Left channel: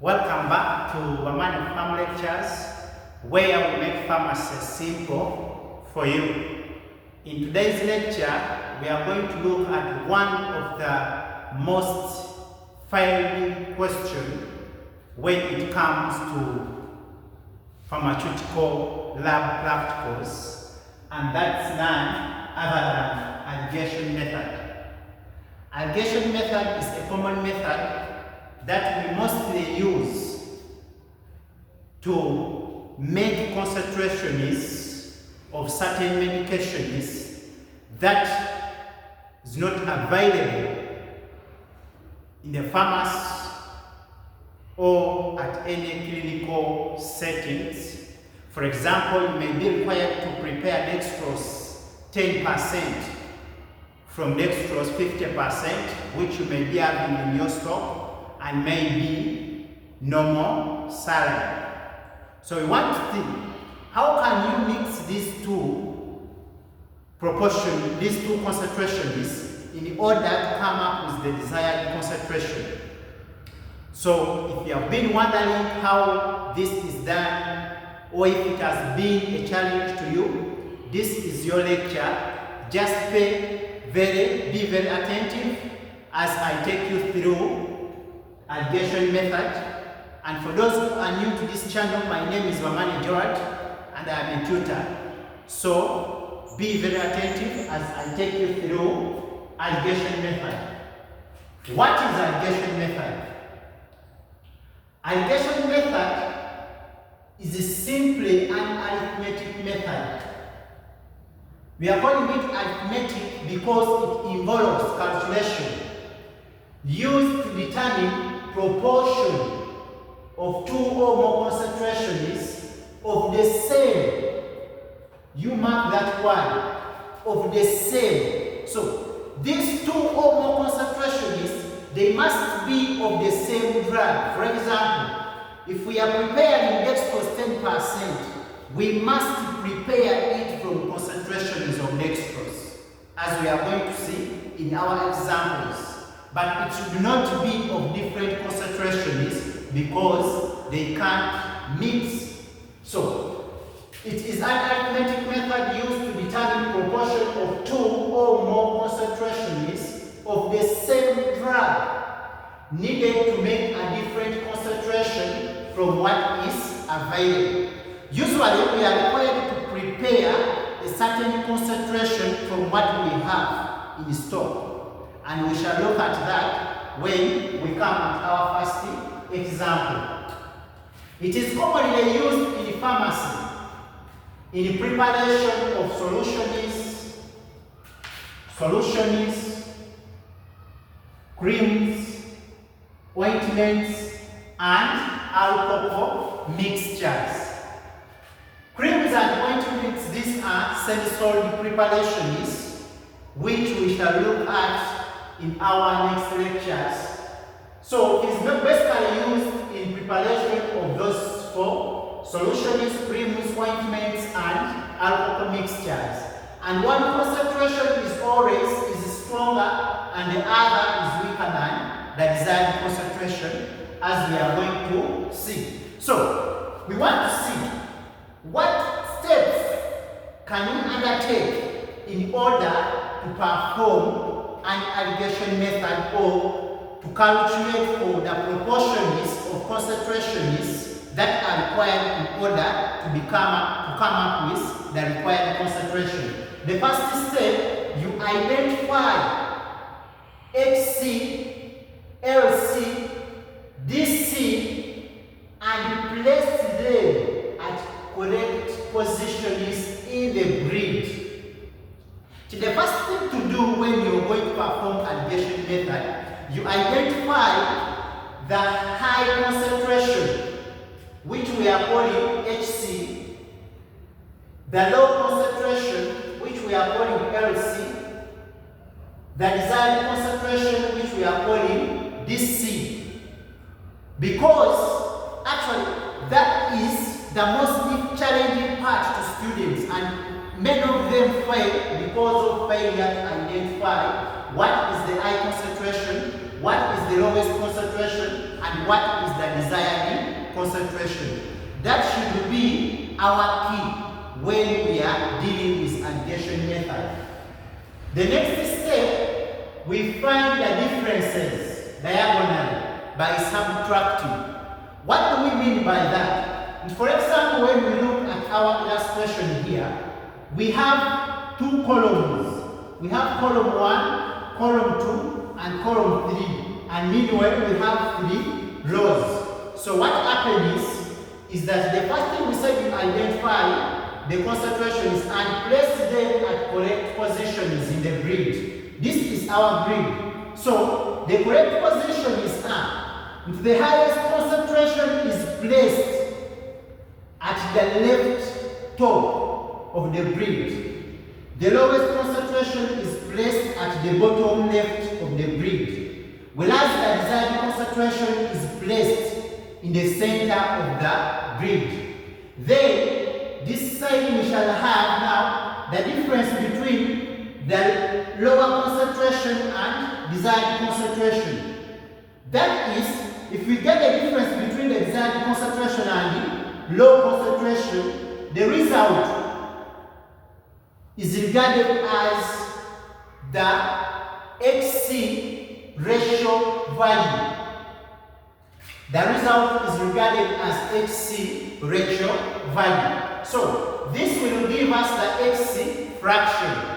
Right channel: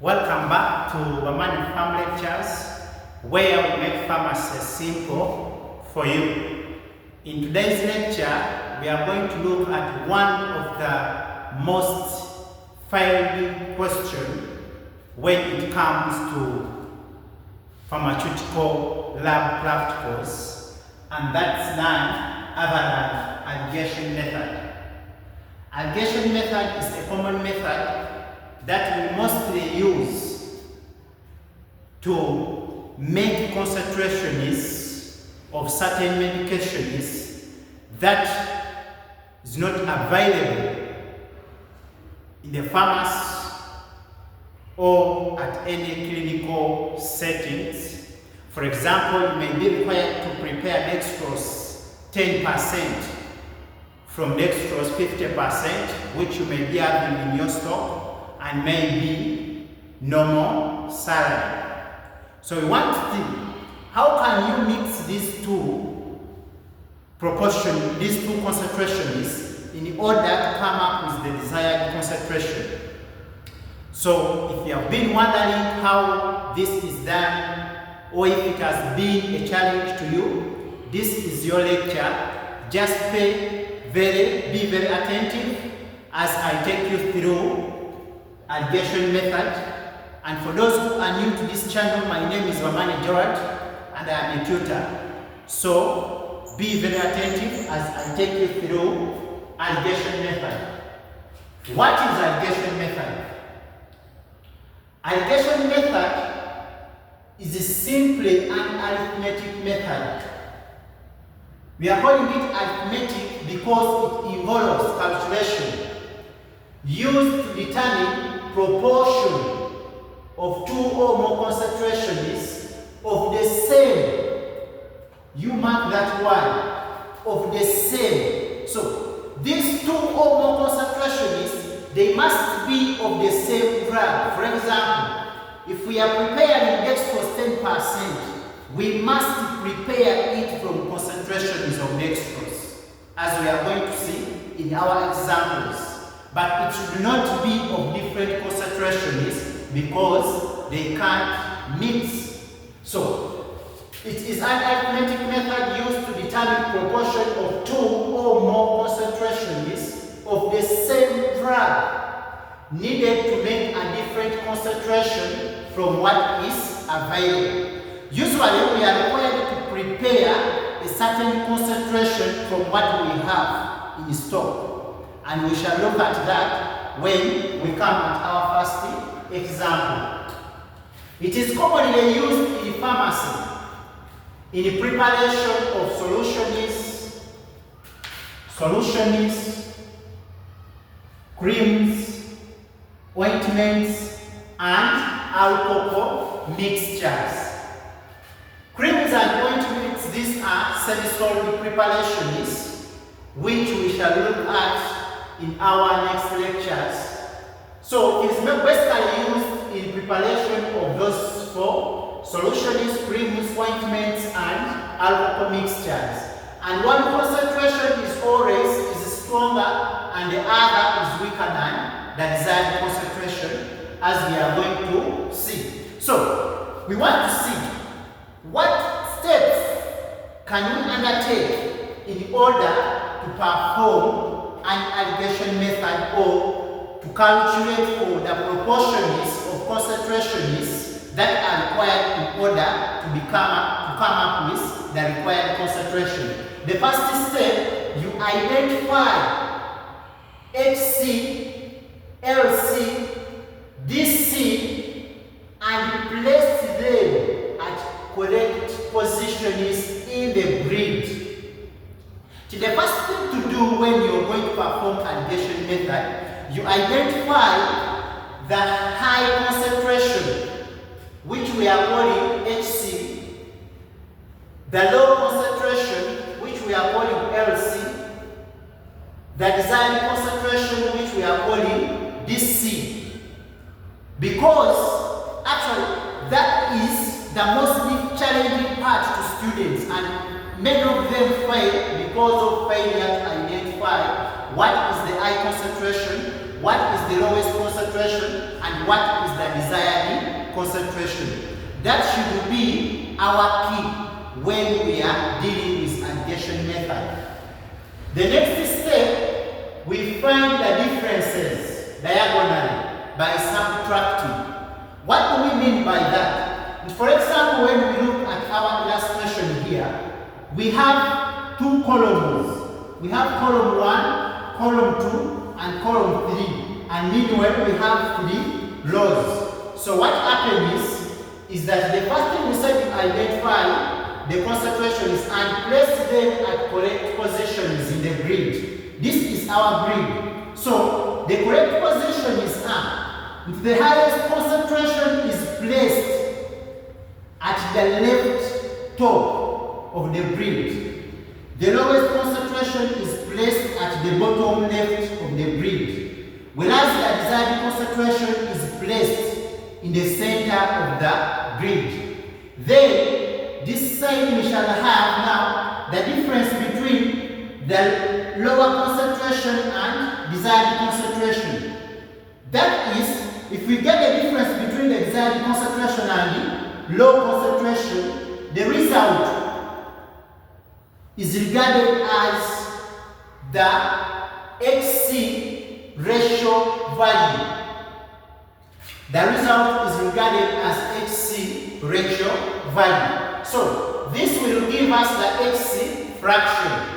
Welcome back to Bamane Pharm Lectures, where we make pharmacy simple for you. In today's lecture, we are going to look at one of the most failed questions when it comes to pharmaceutical lab practicals, and that's none other than alligation method. Alligation method is a common method that we mostly use to make concentrations of certain medications that is not available in the pharmacy or at any clinical settings. For example, you may be required to prepare dextrose 10% from dextrose 50%, which you may be having in your stock, and maybe normal saline. So we want to think, how can you mix these two concentrations in order to come up with the desired concentration? So if you have been wondering how this is done, or if it has been a challenge to you, this is your lecture. Just be very attentive as I take you through alligation method. And for those who are new to this channel, my name is Bamane and I am a tutor. So be very attentive as I take you through alligation method. What is alligation method? Alligation method is simply an arithmetic method. We are calling it arithmetic because it involves calculation used to determine proportion of two or more concentrations of the same. You mark that one, of the same. So these two or more concentrations, they must be of the same drug. For example, if we are preparing dextrose 10%, we must prepare it from concentrations of dextrose, as we are going to see in our examples. But it should not be of different concentrations because they can't mix. So it is an arithmetic method used to determine proportion of two or more concentrations of the same drug needed to make a different concentration from what is available. Usually we are required to prepare a certain concentration from what we have in stock. And we shall look at that when we come at our first example. It is commonly used in pharmacy in the preparation of solutions, creams, ointments, and alcohol mixtures. Creams and ointments, these are semi-solid preparations which we shall look at in our next lectures. So it is basically used in preparation of those four: solutions, creams, ointments, and alcohol mixtures. And one concentration is always stronger and the other is weaker than the desired concentration, as we are going to see. So we want to see what steps can we undertake in order to perform an alligation method, or to calculate for the proportions of concentrations that are required in order to come up with the required concentration. The first step, you identify HC, LC, DC, and place them at correct positions in the grid. The first thing to do when you're going to perform alligation method, you identify the high concentration, which we are calling HC, the low concentration, which we are calling LC, the desired concentration, which we are calling DC. Because actually that is the most challenging part to students, and many of them fail because of failure to identify what is the high concentration, what is the lowest concentration and what is the desired concentration. That should be our key when we are dealing with alligation method. The next step, we find the differences diagonally by subtracting. What do we mean by that? For example, when we look at our illustration here, we have two columns. We have column 1, column 2, and column 3. And meanwhile, we have 3 rows. So what happens is that the first thing we say to identify the concentrations and place them at correct positions in the grid. This is our grid. So the correct position is up. If the highest concentration is placed at the left top of the grid, the lowest concentration is placed at the bottom left of the grid, whereas the desired concentration is placed in the center of the grid. Then this side we shall have now the difference between the lower concentration and desired concentration. That is, if we get the difference between the desired concentration and low concentration, the result is regarded as the HC ratio value. The result is regarded as HC ratio value. So this will give us the HC fraction.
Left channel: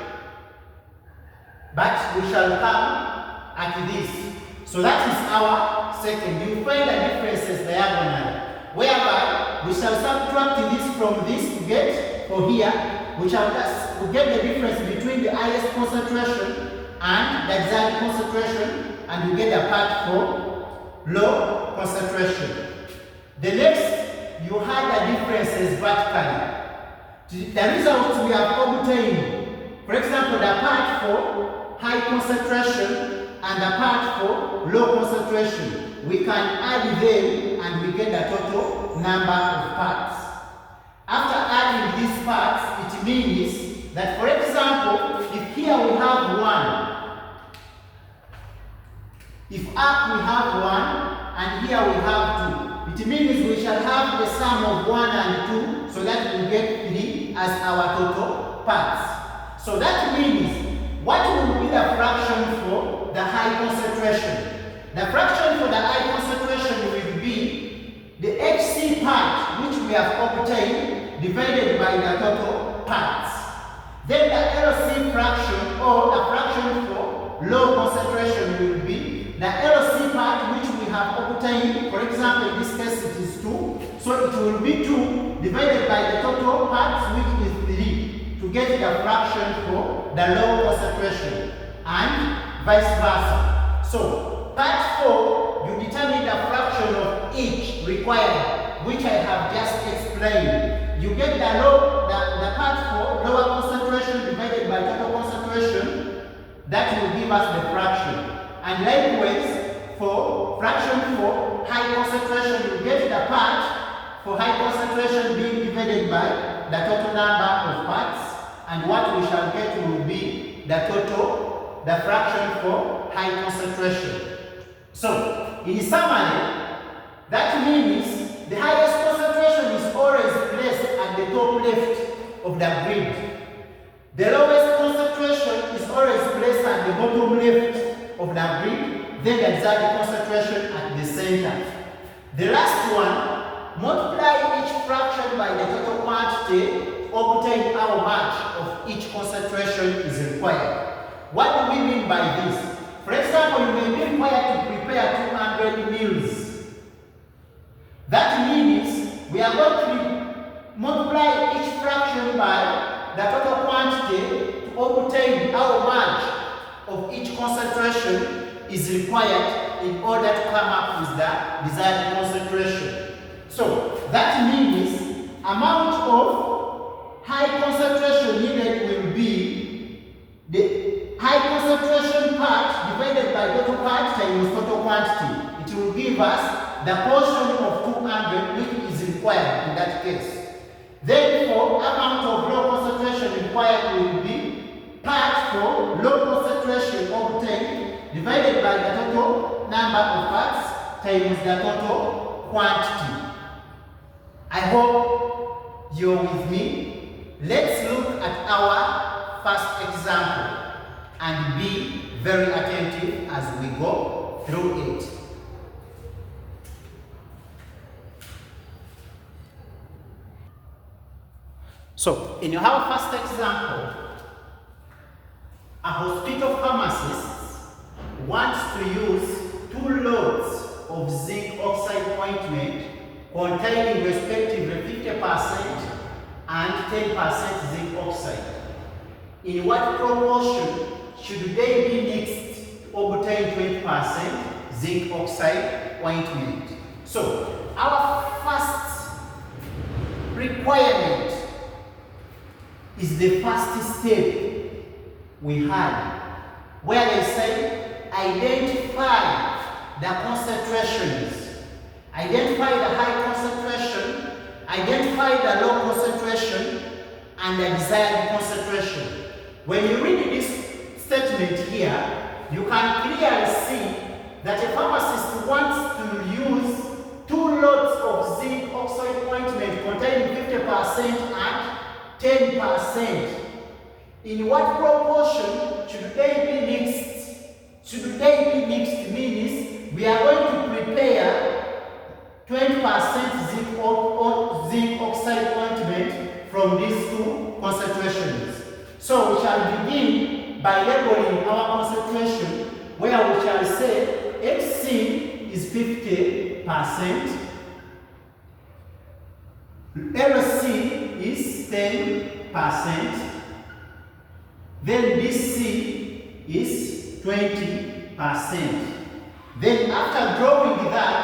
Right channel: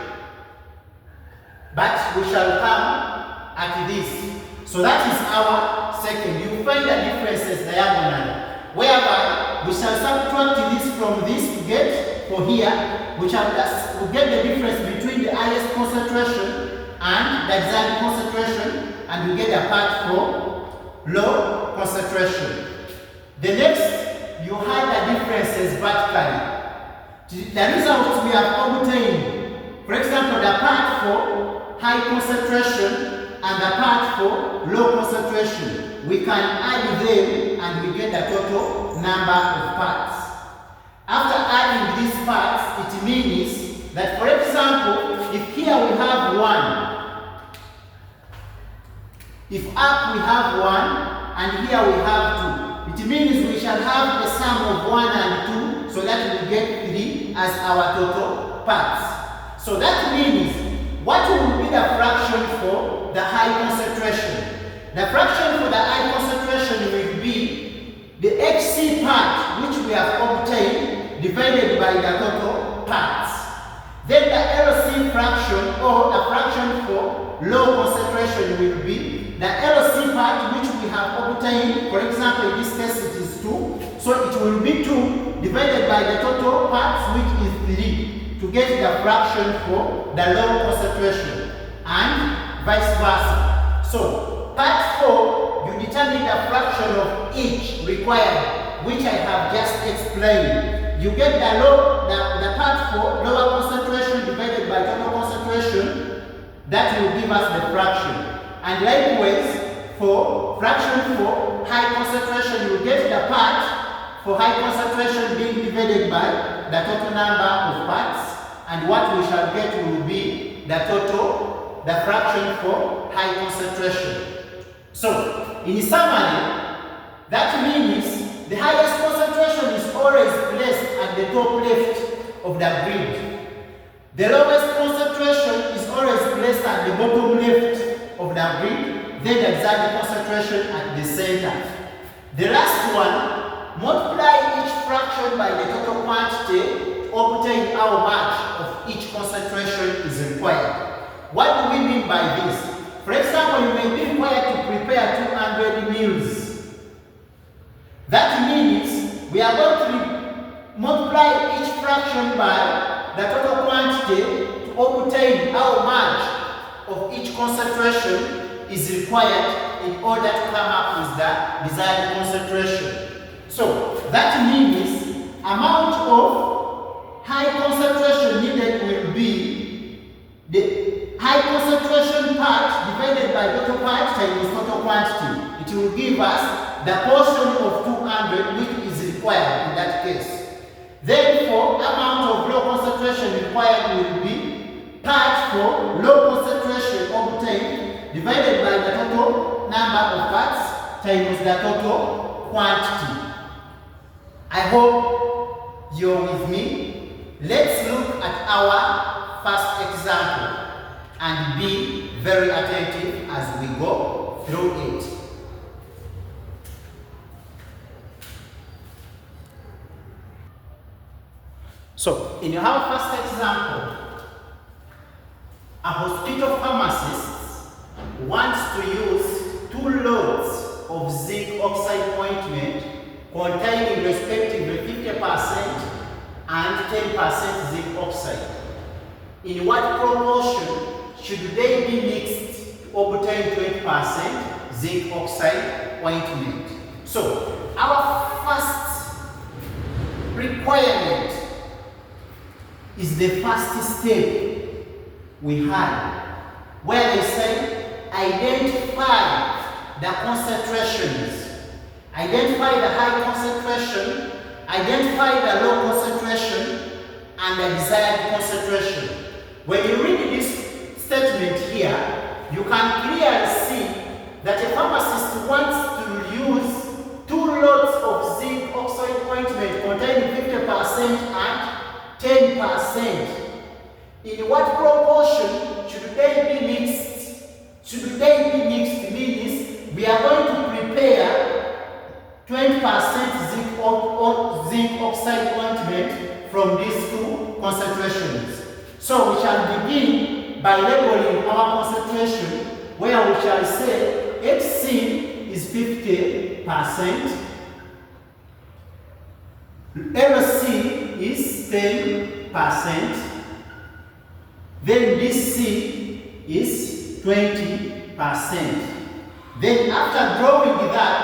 But we shall come at this. So that is our second. You find the differences diagonally, whereby we shall subtract this from this to get for here. We shall get the difference between the highest concentration and the desired concentration, and we get a part for low concentration. The next, you have the differences vertically. The results we have obtained, for example, the part for high concentration and the part for low concentration, we can add them and we get the total number of parts. After adding these parts, it means that, for example, if here we have 1, if up we have 1 and here we have 2, it means we shall have the sum of 1 and 2 so that we get 3 as our total parts. So that means what will be the fraction for the high concentration? The fraction for the high concentration will be the HC part which we have obtained divided by the total parts. Then the LC fraction, or the fraction for low concentration, will be the LC part which we have obtained. For example, in this case it is 2. So it will be 2 divided by the total parts which is 3 to get the fraction for the low concentration, and vice versa. So part 4, you determine the fraction of each required, which I have just explained. You get the part for lower concentration divided by total concentration. That will give us the fraction. And likewise, for fraction for high concentration, you get the part for high concentration being divided by the total number of parts. And what we shall get will be the fraction for high concentration. So, in summary, that means the highest concentration is always placed at the top left of the grid. The lowest concentration is always placed at the bottom left of the grid, then the desired concentration at the center. The last one, multiply each fraction by the total quantity, obtain how much of each concentration is required. What do we mean by this? For example, you may be required to prepare 200 meals. That means we are going to multiply each fraction by the total quantity to obtain how much of each concentration is required in order to come up with the desired concentration. So that means amount of high concentration needed will be the high concentration part divided by total part times total quantity. It will give us the portion of 200 which is required in that case. Then for amount of low concentration required will be part for low concentration obtained divided by the total of parts times the total quantity. I hope you're with me. Let's look at our first example and be very attentive as we go through it. So, in our first example, a hospital pharmacist wants to use 2 loads of zinc oxide ointment containing respectively 50% and 10% zinc oxide. In what proportion should they be mixed to obtain 20% zinc oxide ointment? So, our first requirement is the first step we had, where they say identify the concentrations, identify the high concentration, identify the low concentration, and the desired concentration. When you read this statement here, you can clearly see that a pharmacist wants to use 2 lots of zinc oxide ointment containing 50% and 10%. In what proportion should they be mixed? Should they be mixed means we are going to prepare 20% zinc oxide ointment from these 2 concentrations. So we shall begin by labeling our concentration, where we shall say HC is 50%, LC is 10%, then this C is 20%. Then after drawing that,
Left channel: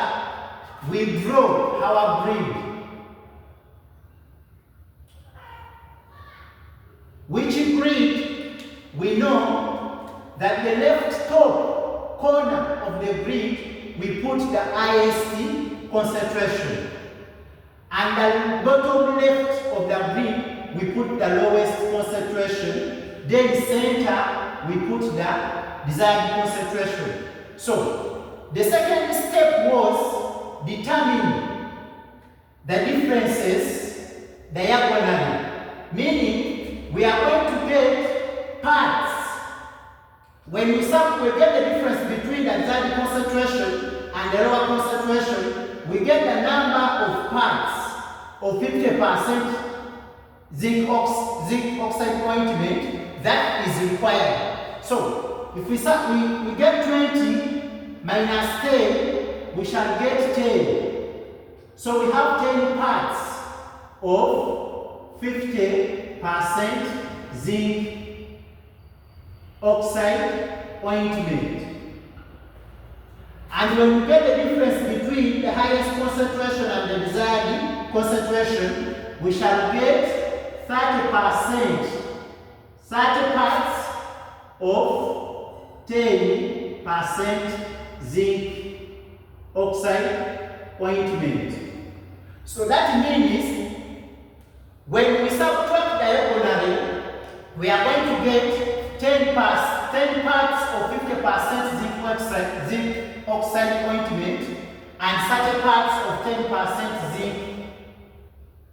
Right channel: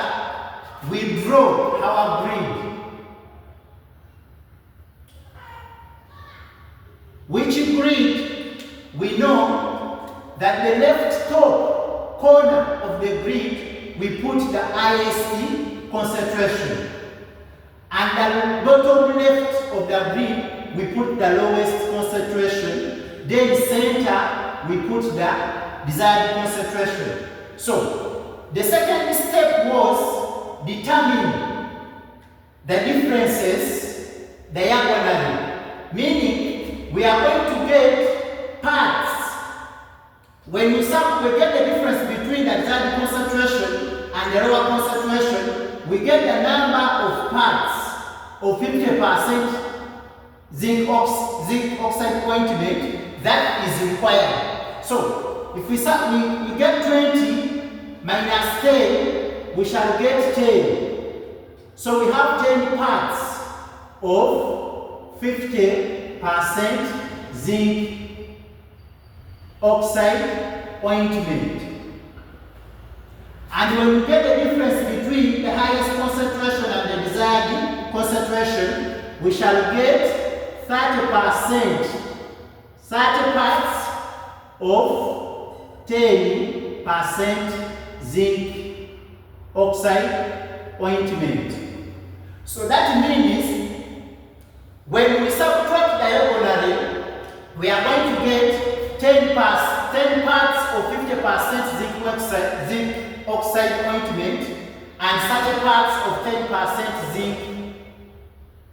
we draw our grid, which grid we know that the left top corner of the grid we put the highest concentration, and the bottom left of the grid we put the lowest concentration. Then center we put the desired concentration. So the second step was determine the differences diagonally, meaning we are going to get parts. When we get the difference between the desired concentration and the lower concentration, we get the number of parts of 50% zinc oxide ointment that is required. So if we get 20 minus 10, we shall get 10. So we have 10 parts of 50% zinc oxide ointment. And when we get the difference between the highest concentration and the desired concentration, we shall get 30%. 30 parts of 10% zinc oxide ointment. So that means when we subtract diagonally, we are going to get 10 parts of 50% zinc oxide ointment and 30 parts of 10% zinc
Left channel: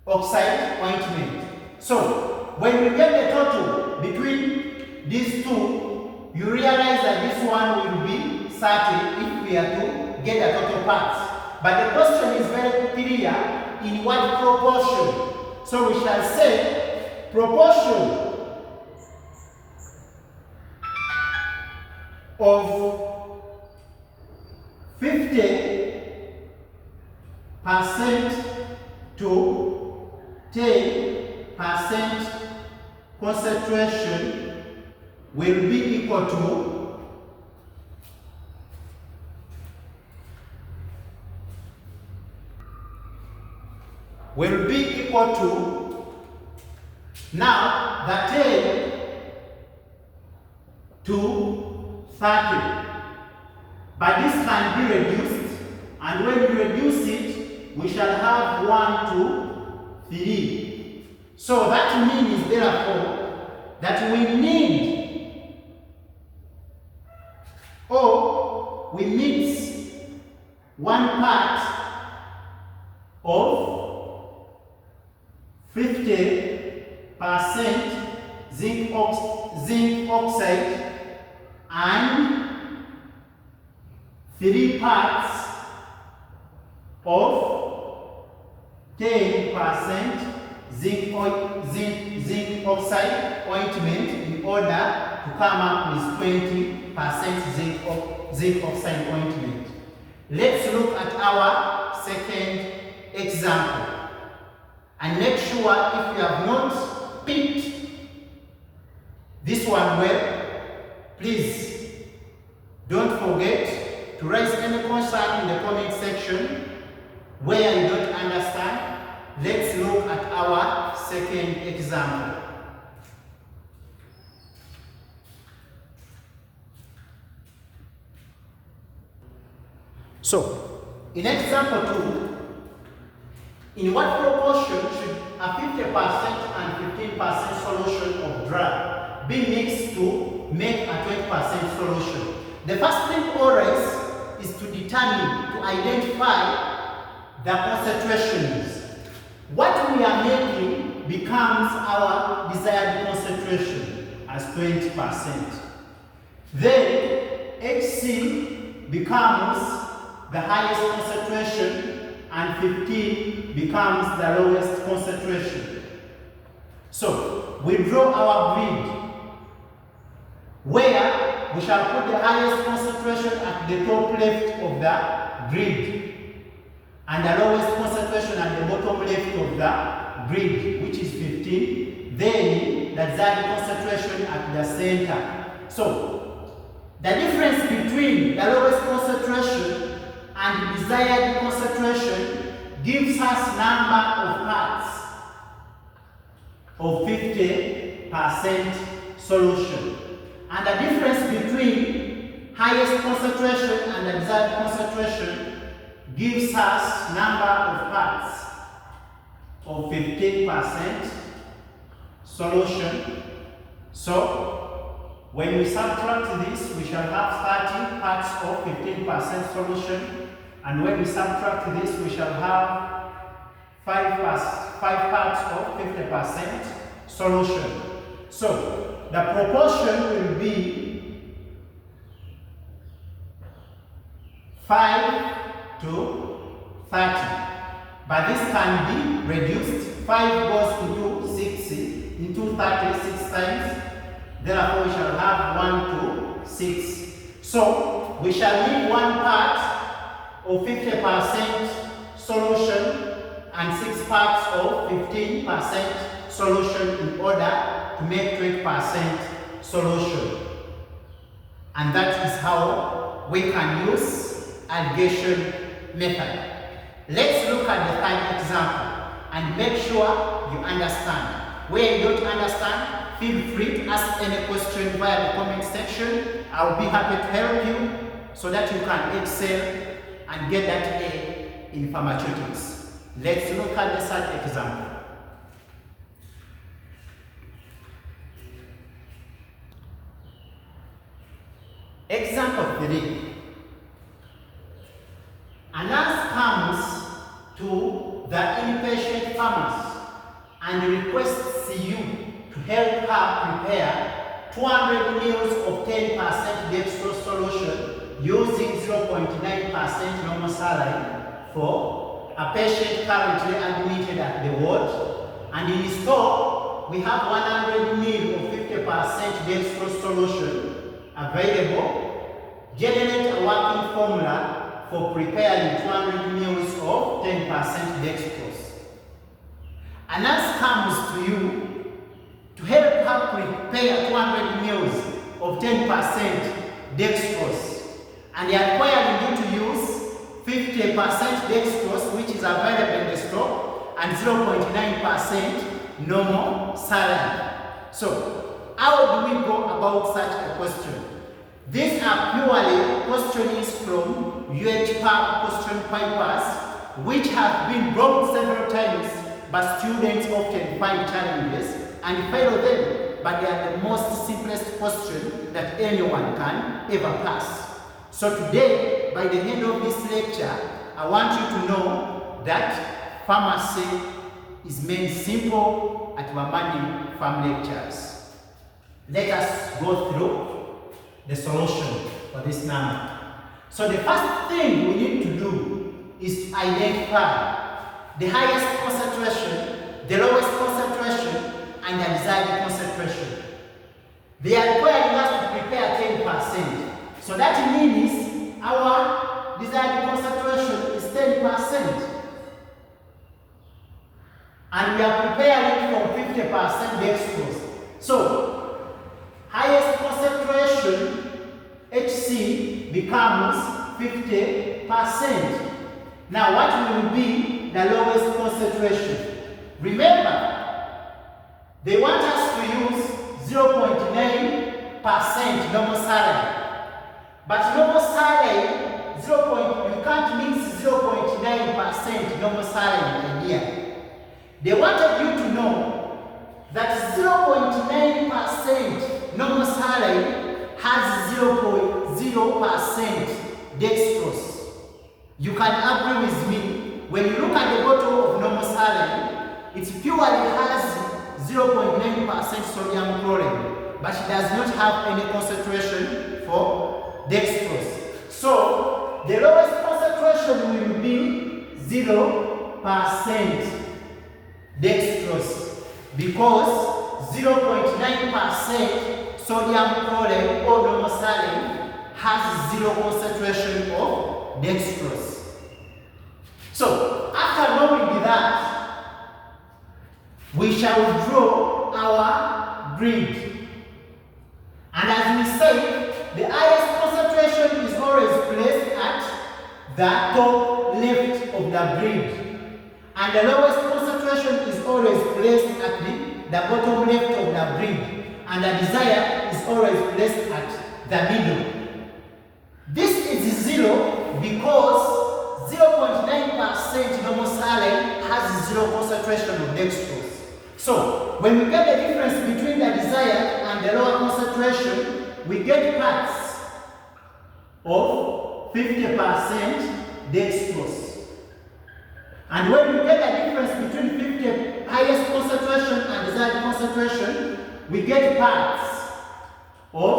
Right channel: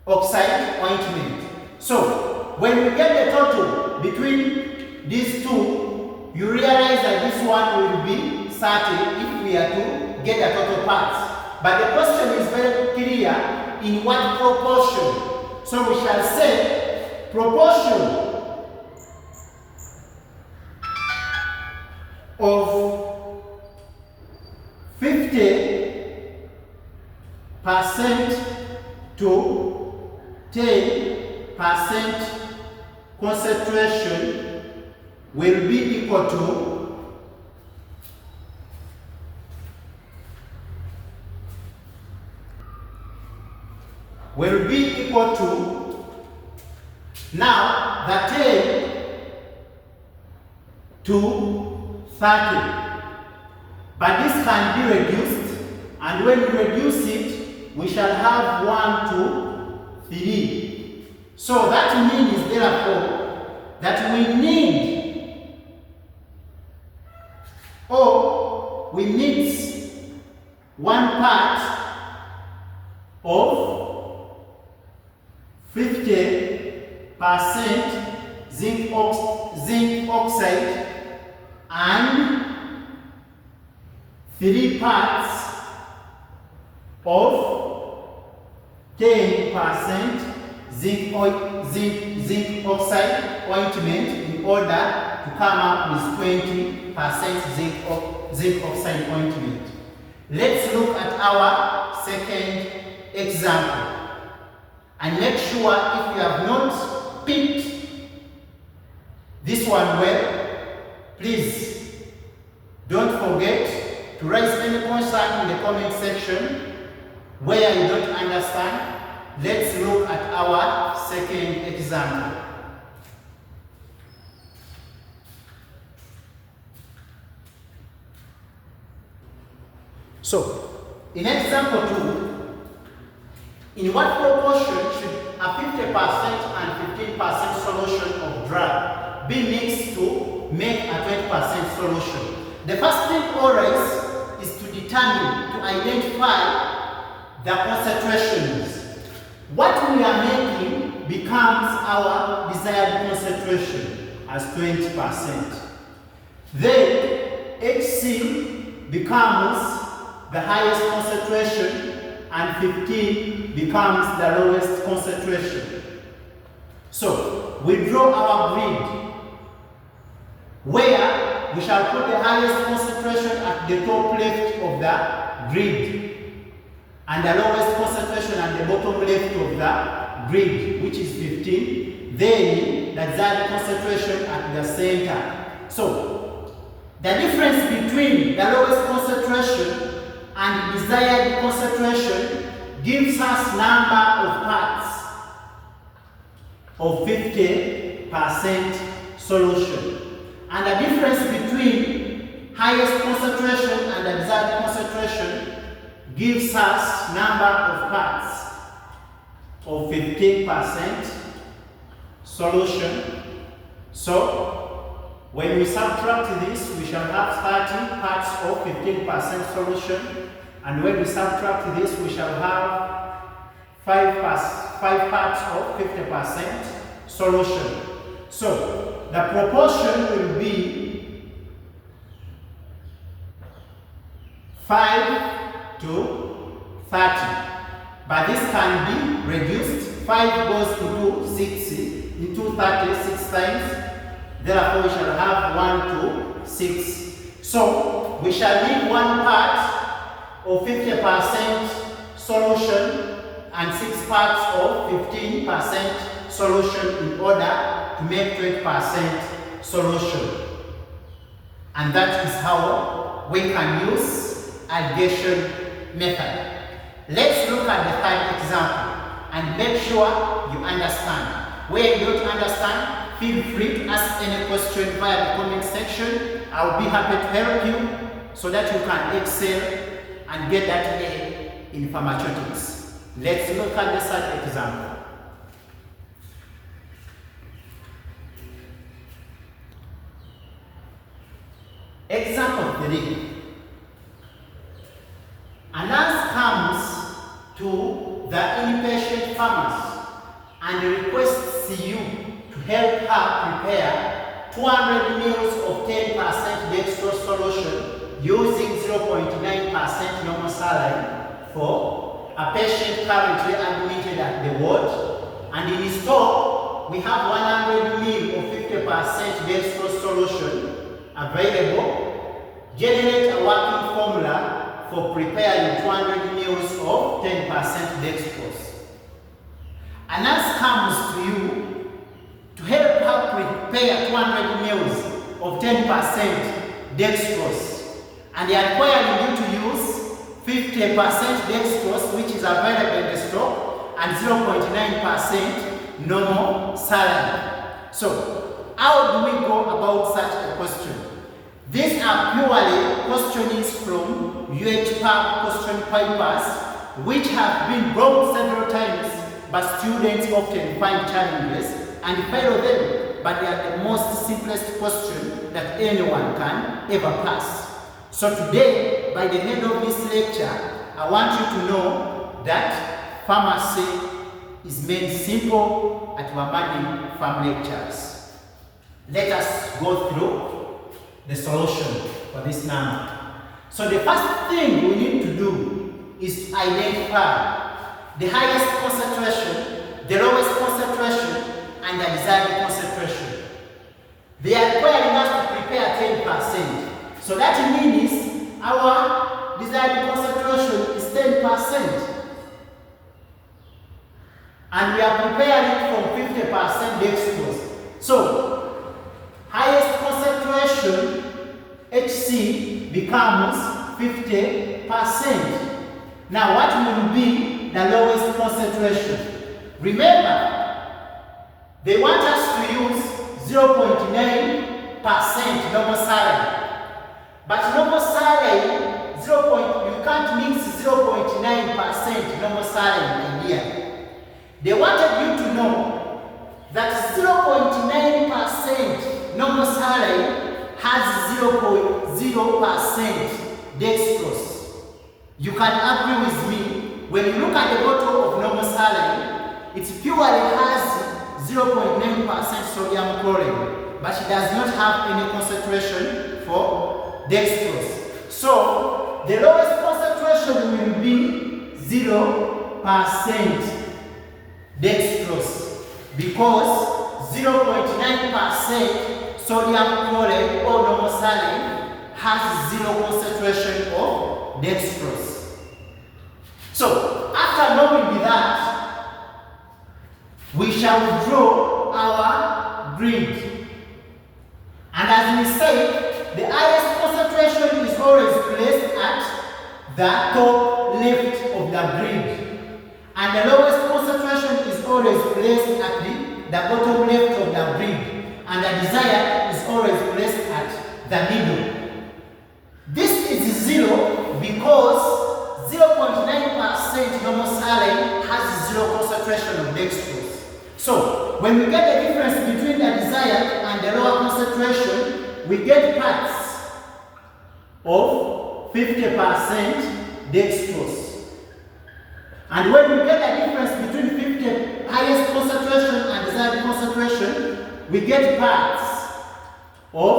oxide ointment. So when we get the total between these 2, you realize that this one will be 30 if we are to get the total parts. But the question is very clear, in what proportion? So we shall say proportion of 50% to 10% concentration will be equal to now the 10 to 30. But this can be reduced, and when we reduce it, we shall have 1 to 3. So that means, therefore, that we need, or we mix 1 part of 50% zinc oxide and 3 parts of 10% zinc oxide ointment in order to come up with 20% zinc oxide ointment. Let's look at our second example and make sure if you have not picked this one well, please don't forget to raise any concern in the comment section where you don't understand. Let's look at our second example. So, in example 2, in what proportion should a 50% and 15% solution of drug be mixed to make a 20% solution? The first thing always is to determine, to identify the concentrations. What we are making becomes our desired concentration as 20%. Then HC becomes the highest concentration and 15 becomes the lowest concentration. So we draw our grid where we shall put the highest concentration at the top left of the grid and the lowest concentration at the bottom left of the grid, which is 15. Then the desired concentration at the center. So the difference between the lowest concentration and desired concentration gives us number of parts of 50% solution. And the difference between highest concentration and the desired concentration gives us number of parts of 15% solution. So when we subtract this, we shall have 30 parts of 15% solution, and when we subtract this, we shall have 5 parts of 50% solution. So the proportion will be 5 to 30, but this can be reduced. 5 goes into 60 into 30 6 times. Therefore, we shall have 1 to 6. So we shall leave 1 part of 50% solution and 6 parts of 15% solution in order to make 20% solution. And that is how we can use alligation method. Let's look at the third example and make sure you understand. Where you don't understand, feel free to ask any question via the comment section. I'll be happy to help you so that you can excel and get that A in pharmaceutics. Let's look at the third example. Example 3. A nurse comes to the inpatient pharmacy and requests you to help her prepare 200 ml of 10% dextrose solution using 0.9% normal saline for a patient currently admitted at the ward. And in stock, we have 100 ml of 50% dextrose solution available. Generate a working formula for preparing 200 ml of 10% dextrose. A nurse comes to you to help her prepare 200 ml of 10% dextrose, and they are requiring you to use 50% dextrose, which is available in the stock, and 0.9% normal saline. So, how do we go about such a question? These are purely questions from UHPAP question papers, which have been brought several times, but students often find challenges and fail them, but they are the most simplest question that anyone can ever pass. So today, by the end of this lecture, I want you to know that pharmacy is made simple at Bamane Pharm Lectures. Let us go through the solution for this number. So the first thing we need to do is to identify the highest concentration, the lowest concentration, and the desired concentration. They are requiring us to prepare 10%. So that means our desired concentration is 10%. And we are preparing from 50% dextrose. So, highest concentration, HC, becomes 50%. Now, what will be the lowest concentration? Remember, they want us to use 0.9% normal saline. But normal saline, you can't mix 0.9% normal saline here. They wanted you to know that 0.9% normal saline has 0.0% dextrose. You can agree with me, when you look at the bottle of normal saline, it purely has 0.9% sodium chloride, but it does not have any concentration for dextrose. So, the lowest concentration will be 0% dextrose, because 0.9% sodium chloride or normal saline has 0 concentration of dextrose. So, after knowing that, we shall draw our grid. And as we say, the highest concentration is always placed at the top left of the grid. And the lowest concentration is always placed at the bottom left of the grid. And the desired is always placed at the middle. This is 0 because 0.9% normal saline has 0 concentration of dextrose. So, when we get the difference between the desired and the lower concentration, we get parts of 50% dextrose. And when we get the difference between 50 highest concentration and desired concentration, we get parts of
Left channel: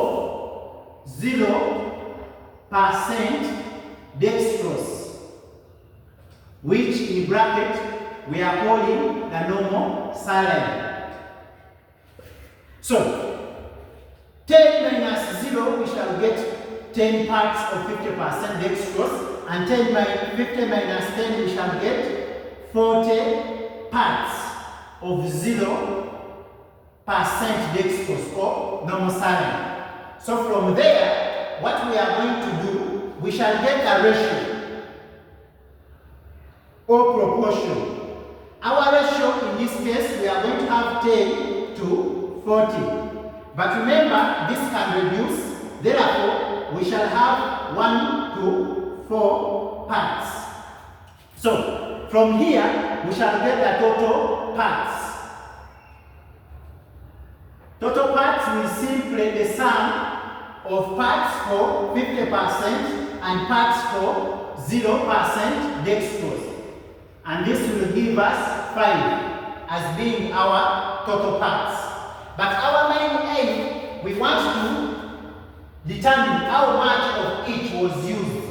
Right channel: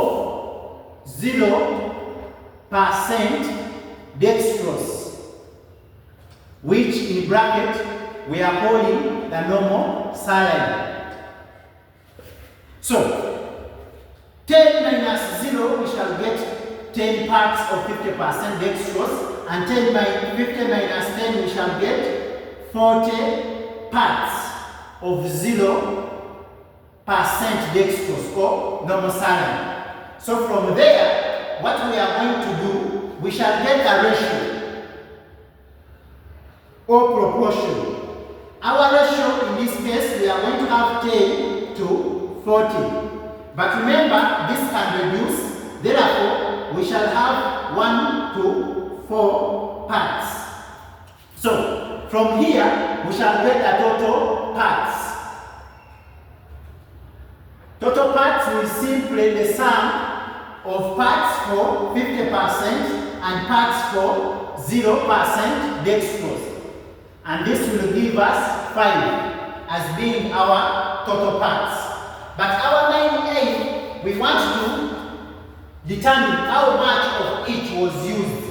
0% dextrose, which in bracket we are calling the normal saline. So, 10 minus 0, we shall get 10 parts of 50% dextrose, and 50 minus 10, we shall get 40 parts of 0% dextrose or normal saline. So from there, what we are going to do, we shall get a ratio or proportion. Our ratio in this case, we are going to have 10 to 40. But remember, this can reduce. Therefore, we shall have 1 to 4 parts. So, from here, we shall get the total parts. Total parts will simply the sum of parts for 50% and parts for 0% dextrose. And this will give us 5 as being our total parts. But our main aim, we want to determine how much of each was used.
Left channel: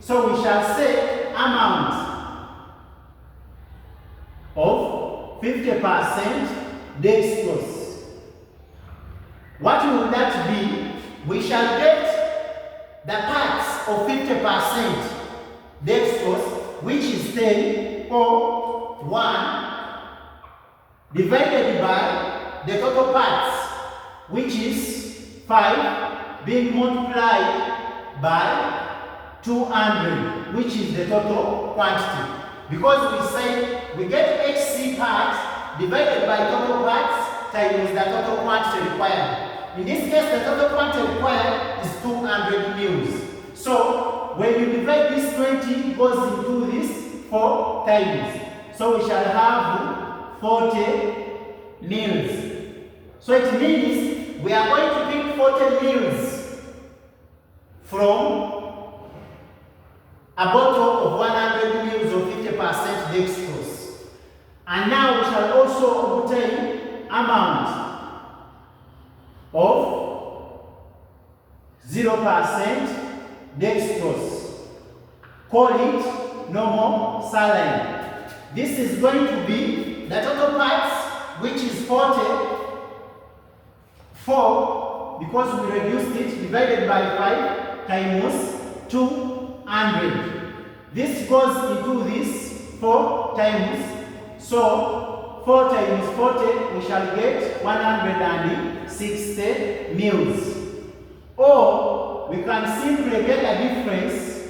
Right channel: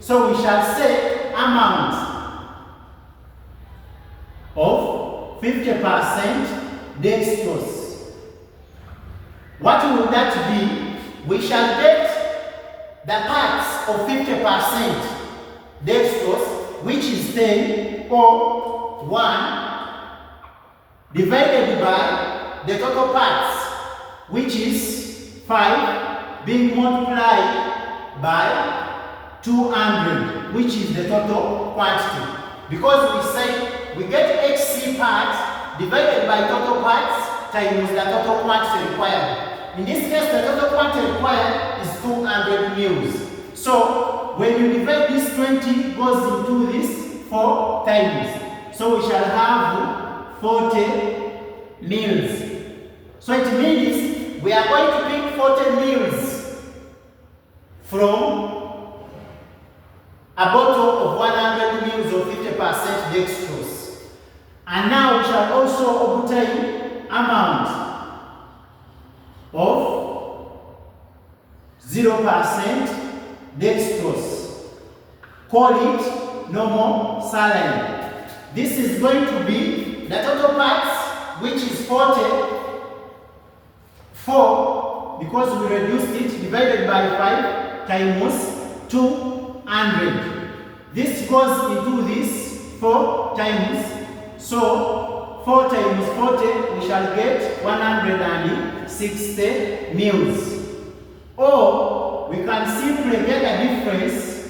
So we shall say amount of 50% dextrose. What will that be? We shall get the parts of 50% dextrose, which is 10 or 1, divided by the total parts, which is 5, being multiplied by 200, which is the total quantity. Because we say we get HC parts divided by total parts times the total quantity required. In this case, the total quantity required is 200 mils. So, when you divide this 20, goes into this 4 times. So, we shall have 40 mils. So, it means we are going to pick 40 mils from a bottle of 100 ml of 50% dextrose. And now we shall also obtain amount of 0% dextrose. Call it normal saline. This is going to be the total parts, which is 44, because we reduced it, divided by 5 times 200. This goes into this 4 times. So 4 times 40, we shall get 160 mils. Or we can simply get a difference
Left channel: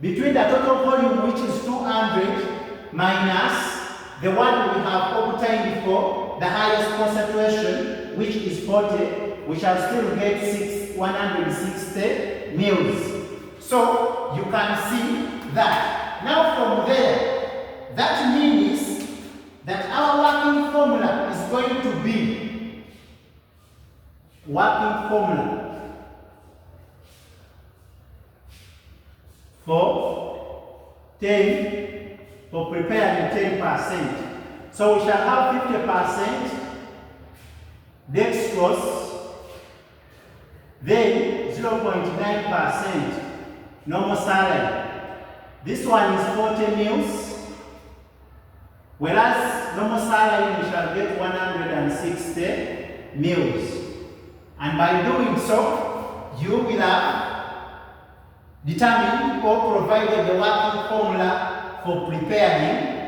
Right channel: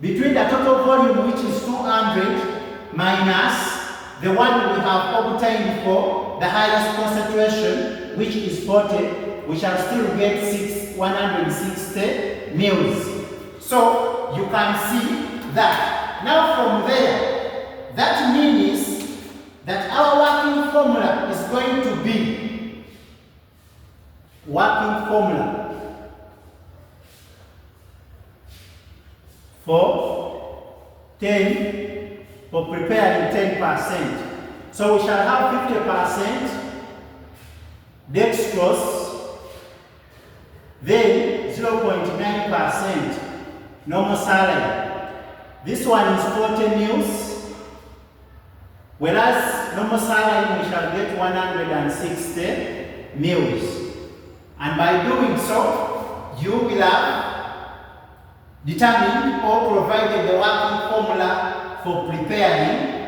between the total volume, which is 200, minus the one we have obtained for the highest concentration, which is 40. We shall still get 160 mils. So you can see that. Now from there, that means that our working formula is going to be working formula for preparing 10%. So we shall have 50% dextrose, then 0.9% normal saline. This one is 40 mils. Whereas normal saline we shall get 160 mils. And by doing so, you will have determined or provided the working formula for preparing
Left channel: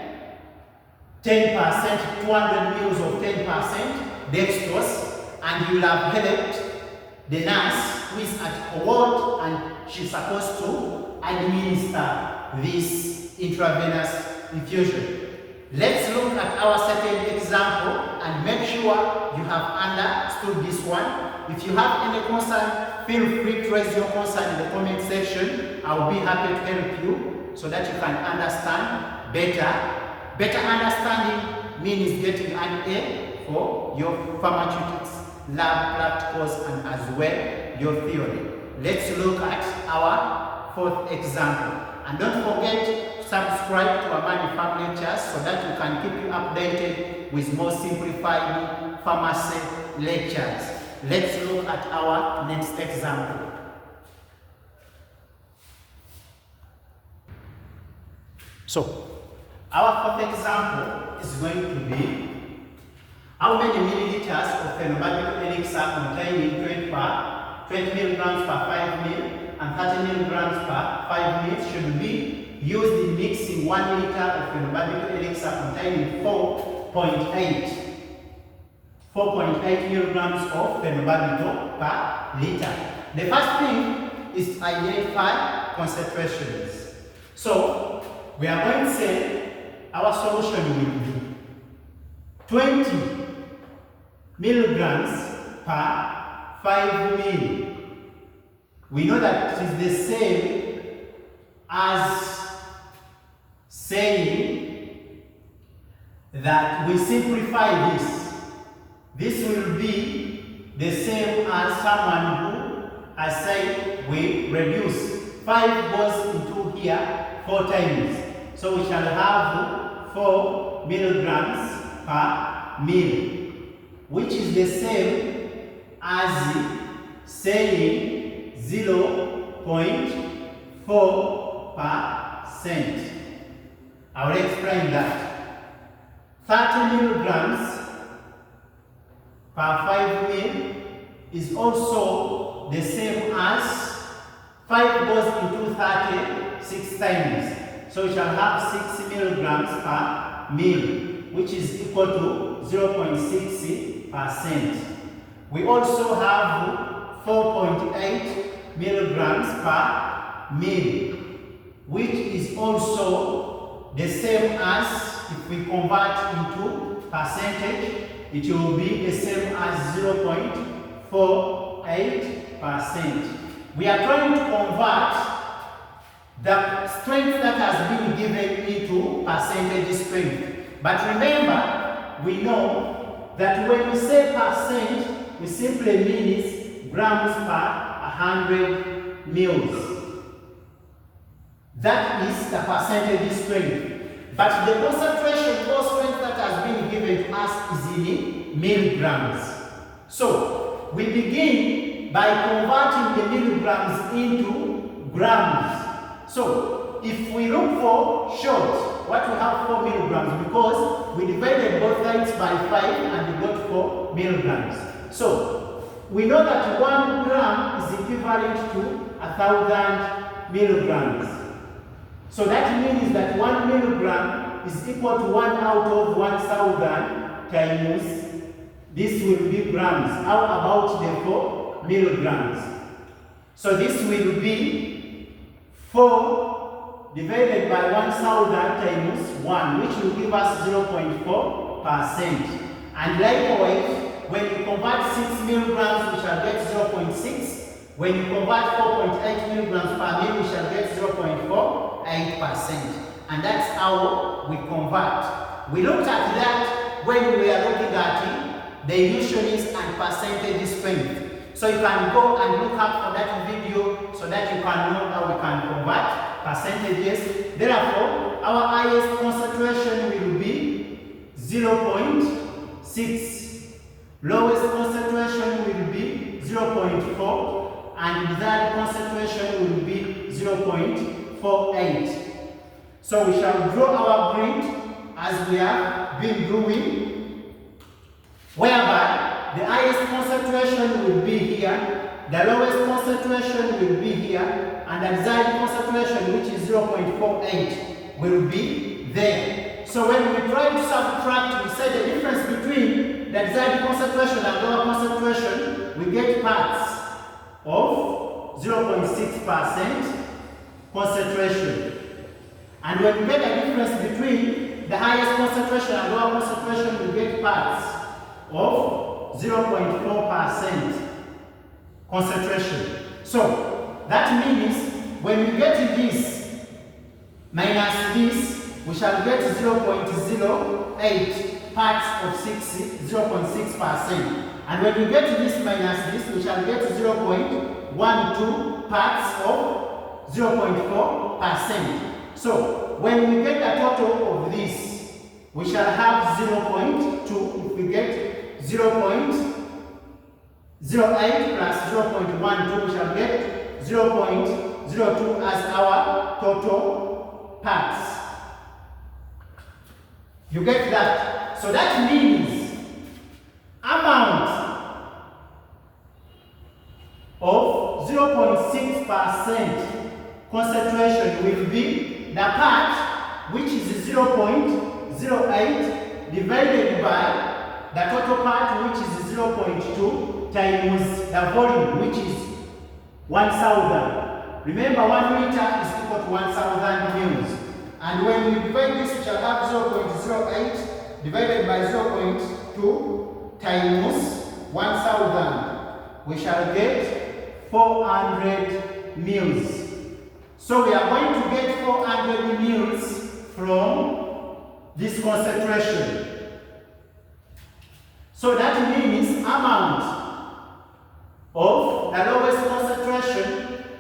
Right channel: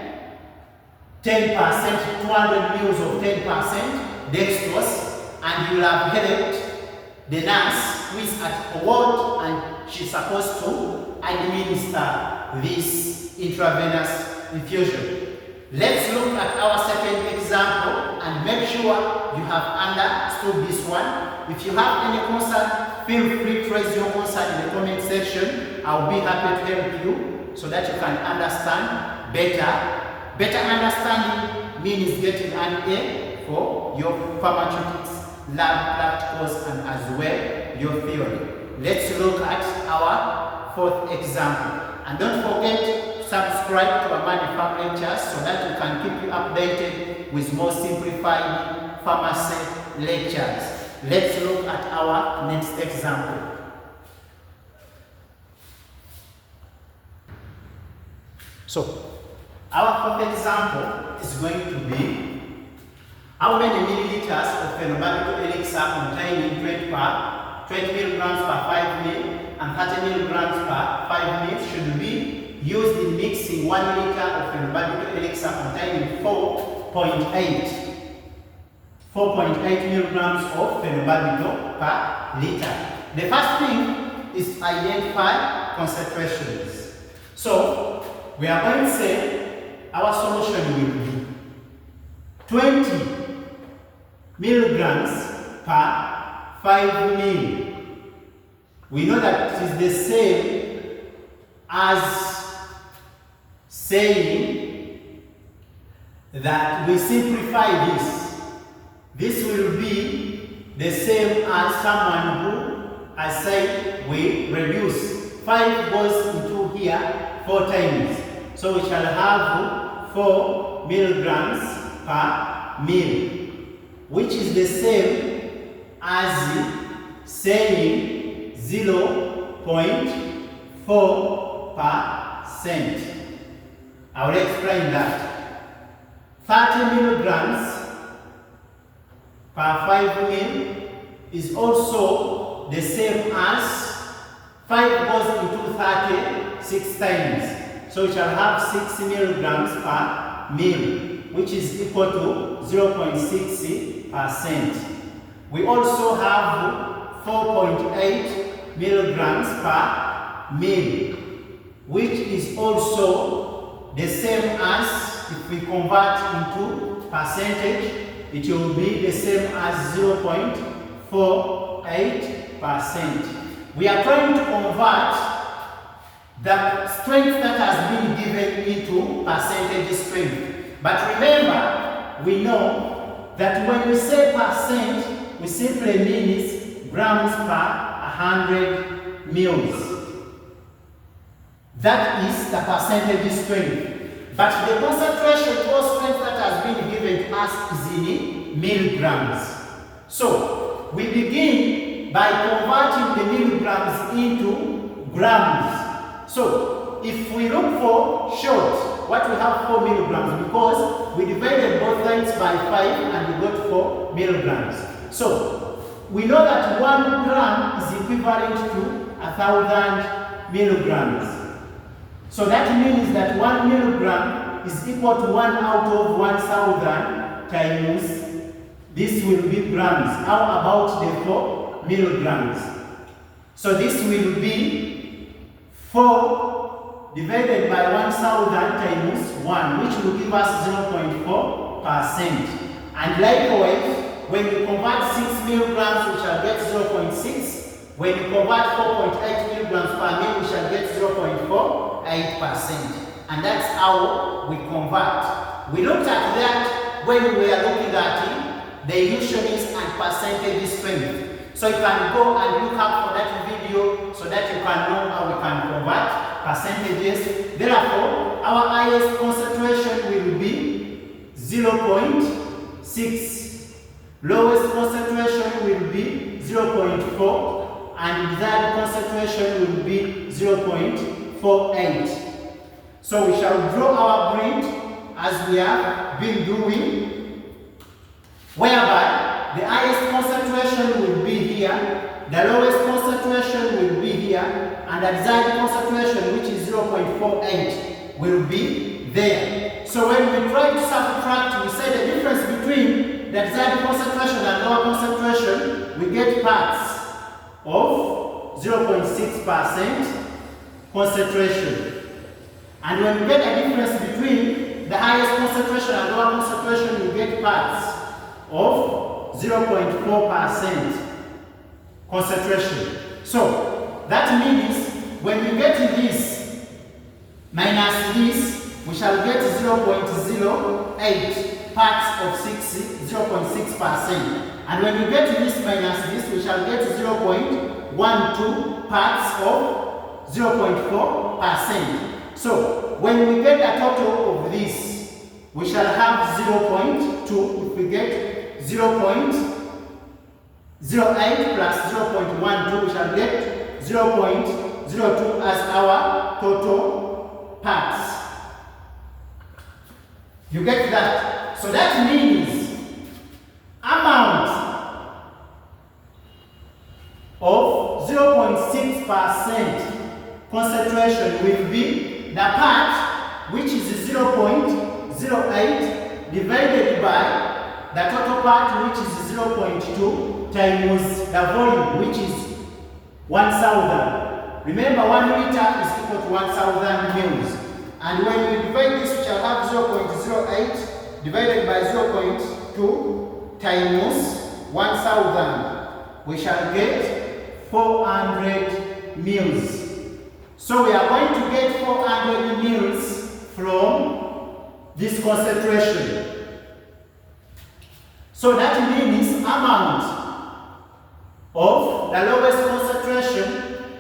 10%, 200 mils of 10% dextrose, and you will have helped the nurse who is at a ward and she's supposed to administer this intravenous infusion. Let's look at our second example and make sure you have understood this one. If you have any concern, feel free to raise your concern in the comment section. I'll be happy to help you so that you can understand better. Better understanding means getting an A for your pharmaceutics, lab practicals, and as well your theory. Let's look at our fourth example. And don't forget, subscribe to Bamane Pharm Lectures so that you can keep you updated with more simplified pharmacy lectures. Let's look at our next example. So, our fourth example is going to be how many milliliters of phenobarbital elixir containing 20 milligrams per 5 ml and 30 milligrams per 5 ml should be used in mixing 1 liter of phenobarbital elixir containing 4.8 milligrams of phenobarbital per liter. The first thing is to identify concentrations. So we are going to say our solution will be 20 milligrams per 5 ml. We know that it is the same as saying that we simplify this. This will be the same as someone who has said we reduce. 5 goes into here 4 times. So we shall have 4 milligrams per ml, which is the same as saying 0.4%. I will explain that. 30 milligrams per 5 ml is also the same as 5 goes into 30 6 times. So we shall have 6 milligrams per ml, which is equal to 0.6%. We also have 4.8 milligrams per ml, which is also the same as, if we convert into percentage, it will be the same as 0.48%. We are trying to convert the strength that has been given into percentage strength. But remember, we know that when we say percent, we simply mean grams per 100 mils. That is the percentage strength. But the concentration or strength that has been given to us is in milligrams. So we begin by converting the milligrams into grams. So if we look for short, what we have 4 milligrams, because we divided both sides by 5 and we got 4 milligrams. So we know that 1 gram is equivalent to 1,000 milligrams. So that means that 1 milligram is equal to 1 out of 1,000 times this will be grams. How about the 4 milligrams? So this will be 4 divided by 1,000 times 1, which will give us 0.4%. And likewise, when you convert 6 milligrams, we shall get 0.6. When you convert 4.8 milligrams per mil, we shall get 0.48%. And that's how we convert. We looked at that when we are looking at the units and percentage strength. So you can go and look up for that video so that you can know how we can convert percentages. Therefore, our highest concentration will be 0.6. Lowest concentration will be 0.4. And desired concentration will be 0.48. So we shall draw our grid as we have been doing, whereby the highest concentration will be here, the lowest concentration will be here, and the desired concentration, which is 0.48, will be there. So when we try to subtract, we say the difference between the desired concentration and lower concentration, we get parts of 0.6% concentration. And when we get a difference between the highest concentration and lower concentration, we get parts of 0.4% concentration. So that means when we get this minus this, we shall get 0.08 parts of 0.6%. And when we get this minus this, we shall get 0.12 parts of 0.4%. So when we get a total of this, we shall have 0.2. If we get 0.08 plus 0.12, we shall get 0.02 as our total parts. You get that? So that means amount of 0.6% concentration will be the part which is 0.08 divided by the total part which is 0.2 times the volume which is 1,000. Remember, 1 liter is equal to 1,000 mils. And when we divide this, we shall have 0.08 divided by 0.2 times 1,000. We shall get 400 mils. So we are going to get 400 mils from this concentration. So that means amount of the lowest concentration,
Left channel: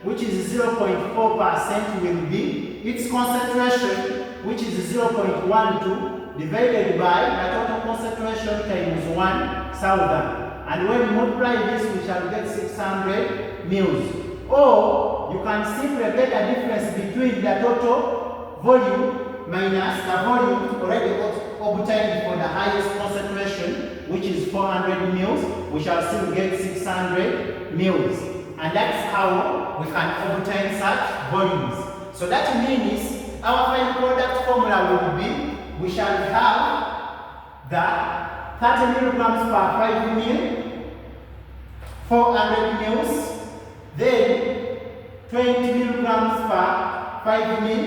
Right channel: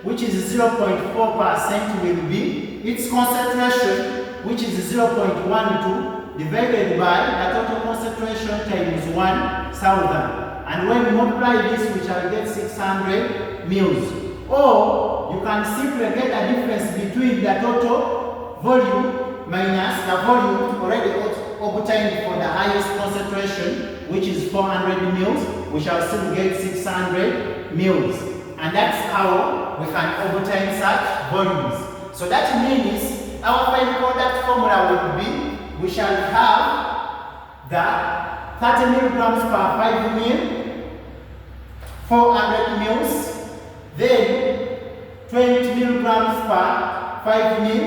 which is 0.4%, will be its concentration, which is 0.12 divided by the total concentration times 1,000. And when we multiply this, we shall get 600 mils. Or you can simply get a difference between the total volume minus the volume already obtained for the highest concentration, which is 400 mils. We shall still get 600 mils. And that's how we can obtain such volumes. So that means our final product formula will be, we shall have the 30 milligrams per 5 mil, 400 mils, then 20 milligrams per 5 mil,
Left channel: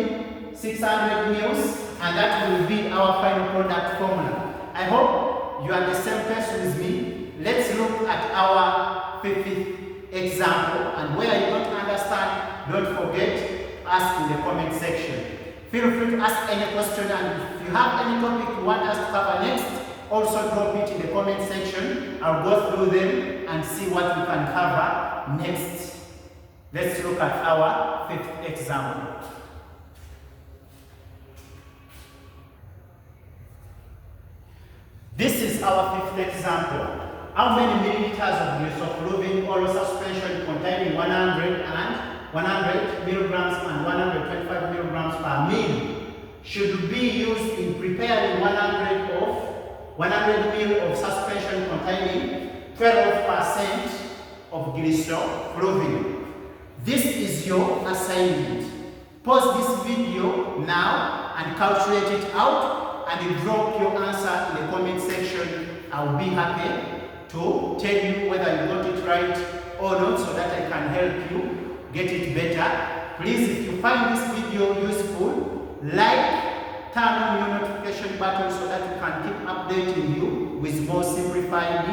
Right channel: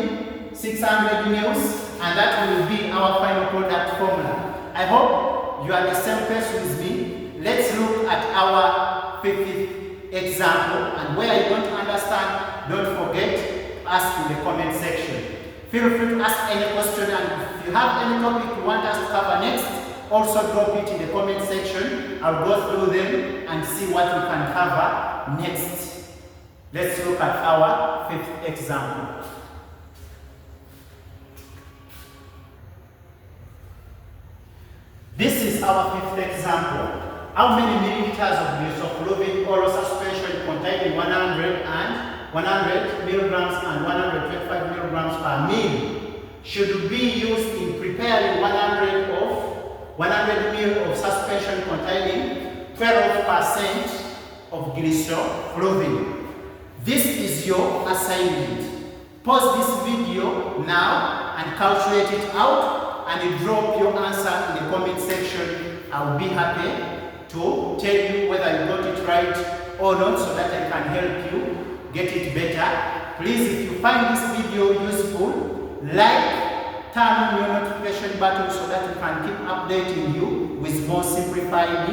600 mils, and that will be our final product formula. I hope you are the same page with me. Let's look at our 50th example, and where you don't understand, don't forget to ask in the comment section. Feel free to ask any question, and if you have any topic you want us to cover next, also drop it in the comment section. I'll go through them and see what we can cover next. Let's look at our 5th example. our fifth example. How many milliliters of glycoprovin oral suspension containing 100 milligrams and 125 milligrams per ml should be used in preparing 100 ml of suspension containing 12% of glycoprovin? This is your assignment. Pause this video now and calculate it out and drop your answer in the comment section. I will be happy to tell you whether you got it right or not so that I can help you get it better. Please, if you find this video useful, like, turn on your notification button so that we can keep updating you with more simplified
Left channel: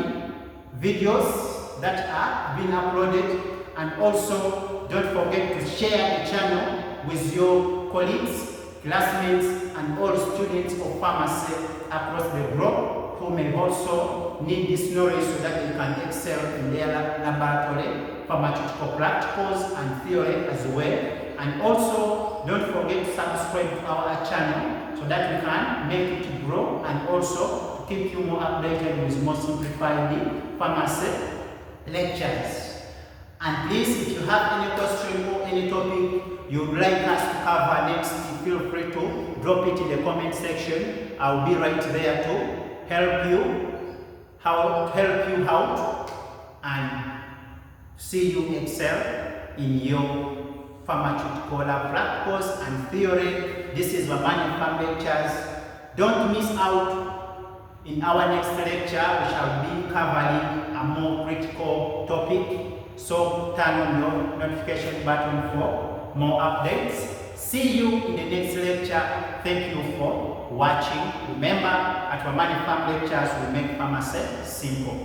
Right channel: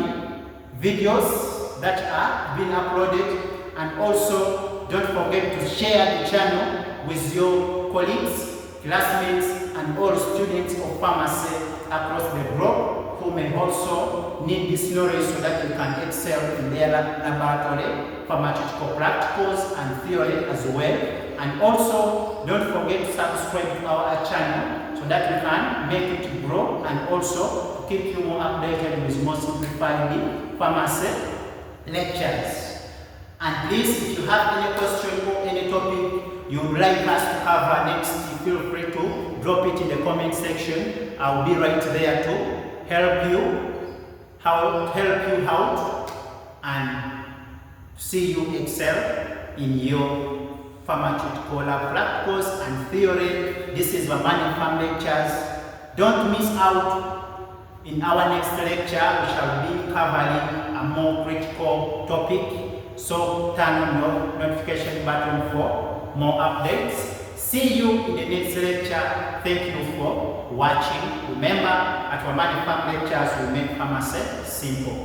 videos that are being uploaded. And also, don't forget to share the channel with your colleagues, classmates, and all students of pharmacy across the globe who may also need this knowledge so that they can excel in their laboratory, pharmaceutical practicals, and theory as well. And also, don't forget to subscribe to our channel so that we can make it grow and also keep you more updated with more simplified pharmacy lectures. And please, if you have any question or any topic you would like us to cover next, feel free to drop it in the comment section. I will be right there to help you out and see you excel in your pharmaceutical practicals and theory. This is Bamane Pharm Lectures. Don't miss out. In our next lecture, we shall be covering a more critical topic. So turn on your notification button for more updates. See you in the next lecture. Thank you for watching. Remember, at Bamane Pharm Lectures, we make pharmacy simple.